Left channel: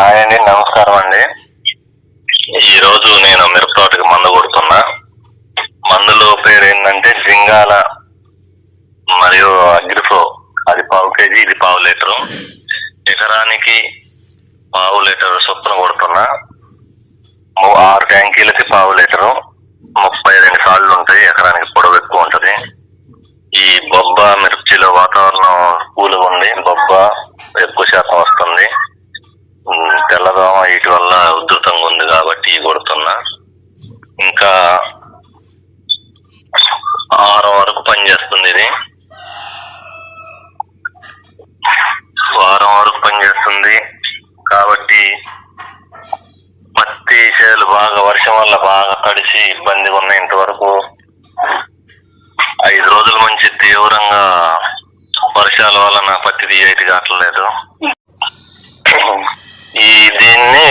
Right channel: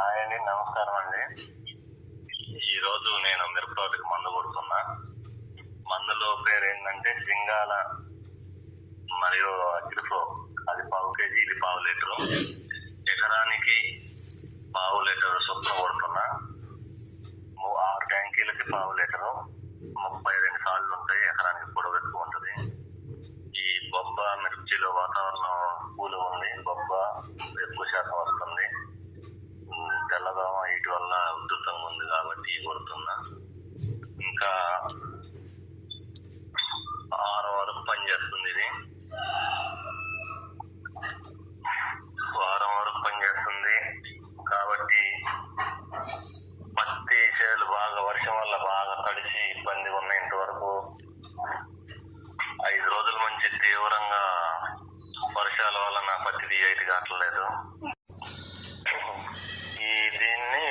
Hi అండి నమస్కారం అండి. ఈ రోజు నేను మిరపతోటకి మందు కొడుతున్నా. మందులో పేరు ఏంటంటే జింగాల మరియు అగ్రిఫో అది పావు కేజీ ఇది పావు లీటరు. ఎకరానికి పావు లీటర్ చొప్పున కొడుతున్నా ము- ఆరు ట్యాంకీలకి పావు లీటరు ముప్పై రెండు సార్లు ఉంటాయి ఎకరానికి పొడవు ఎక్కువ ఉంటది ఈ బొబ్బ మిర్చిలో వాతావరణం ఉంది బొబ్బ ఎక్కువ శాతం వస్తుంది. తెల్లదోమ వీటి వల్ల ఉధృతంగా ఉంది కాబట్టి ఇవి కొడుతున్నా. ఇంకా ఆరు వరకు పనిచేస్తుంది ఇది. వారం వరకు పనిచేస్తుంది కాబట్టి పత్తి చేలు బాగా వర్షం వల్ల బాగా తడిసి ఇబ్బందిగా ఉన్నాయి ఇంతవరకు. ఐదు రోజుల నుంచి తీవ్రంగా వర్షాల వలన పత్తి తీయటి కావట్లేదు. ఈ దీన్ని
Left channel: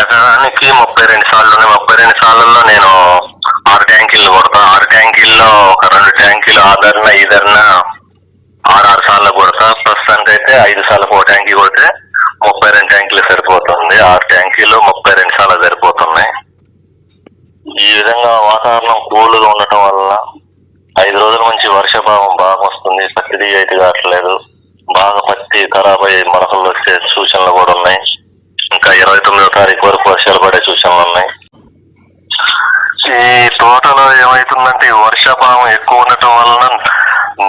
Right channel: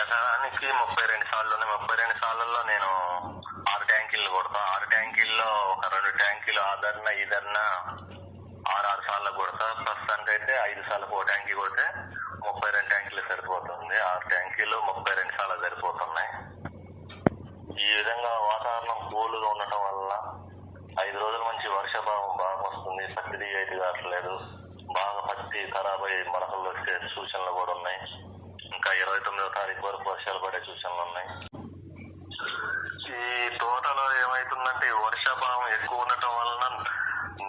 ఎకరానికి ముప్పై రెండు సార్లు ఉన్నాయి. ముప్పై రెండు సార్లలో నేను ఆరు ట్యాంకీలు కొడతా. ఆరు ట్యాంకీల్లో ఒక రెండు ట్యాంకీలు ఆదరణ ఈదరణ ఆరు ఆరు సార్లు కొడతా. ప్రస్తుతానికి అయితే ఐదు సార్లు ఒక ట్యాంకీ కొడితే ముప్పై రెండు ట్యాంకీలు సరిపోతుంది. ఆరు ట్యాంకీలు ముప్పై రెండు సార్లు సరిపోతున్నాయి. ఈ విధంగా వాతావరణం కూల్గా ఉండటం వల్ల ఐదు రోజుల నుంచి వర్షభావం బాగా వస్తుంది పత్తి కావట్లేదు. బాగా పత్తి ఖరాబ్ అయ్యే మొలకలు వచ్చే సూచనలు కూడా ఉన్నాయి. ఇంకా ఇరవై తొమ్మిదో తారీఖు వరకు వర్షాలు పడే సూచనలు ఉన్నాయి. ఈ తోటలో ఏమైతుందంటే ఈ వర్షాభావం ఎక్కువ ఉండటం వలన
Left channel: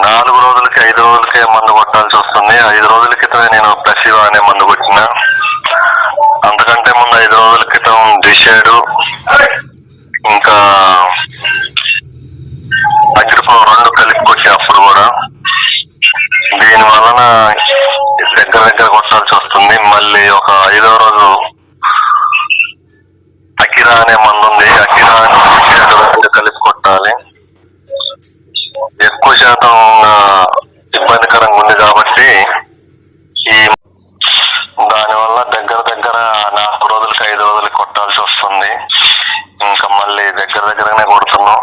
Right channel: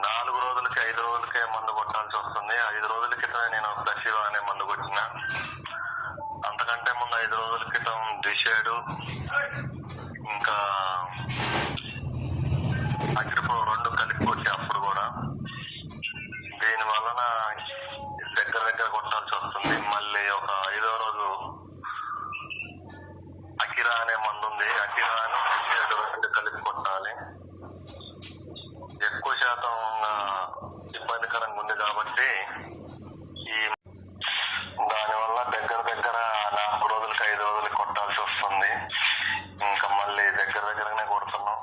నాలుగు రోజులకి ఐదు రోజులకే మందు కొట్టాల్సి వస్తుంది. ఐదు రోజుల క్రితమే నేను ప్లసివా అనే మందు కొట్టిన. అంతకంటే ముందు ఐదు రోజుల క్రితం డిషేడు ఇంకా అగ్రిపో రెండు కలిపి కొట్టే అప్పుడు కూడా దగ్గర దగ్గర కొట్టాల్సి వస్తుంది. మళ్ళీ ఒక ఐదో రోజు అకిరా అనే మందు ఉంది. అకిరా కలిపి కొట్టాలి. ఎక్కువ శాతం ఇబ్బందికరంగా ఉంది కాబట్టి ఈ దానివల్ల దగ్గర దగ్గర నాలుగు రోజులకి ఐదు రోజులకి కొట్టాల్సి వస్తుంది. ఇంకా మళ్ళీ దగ్గర దగ్గరనే కొడుతున్నాం.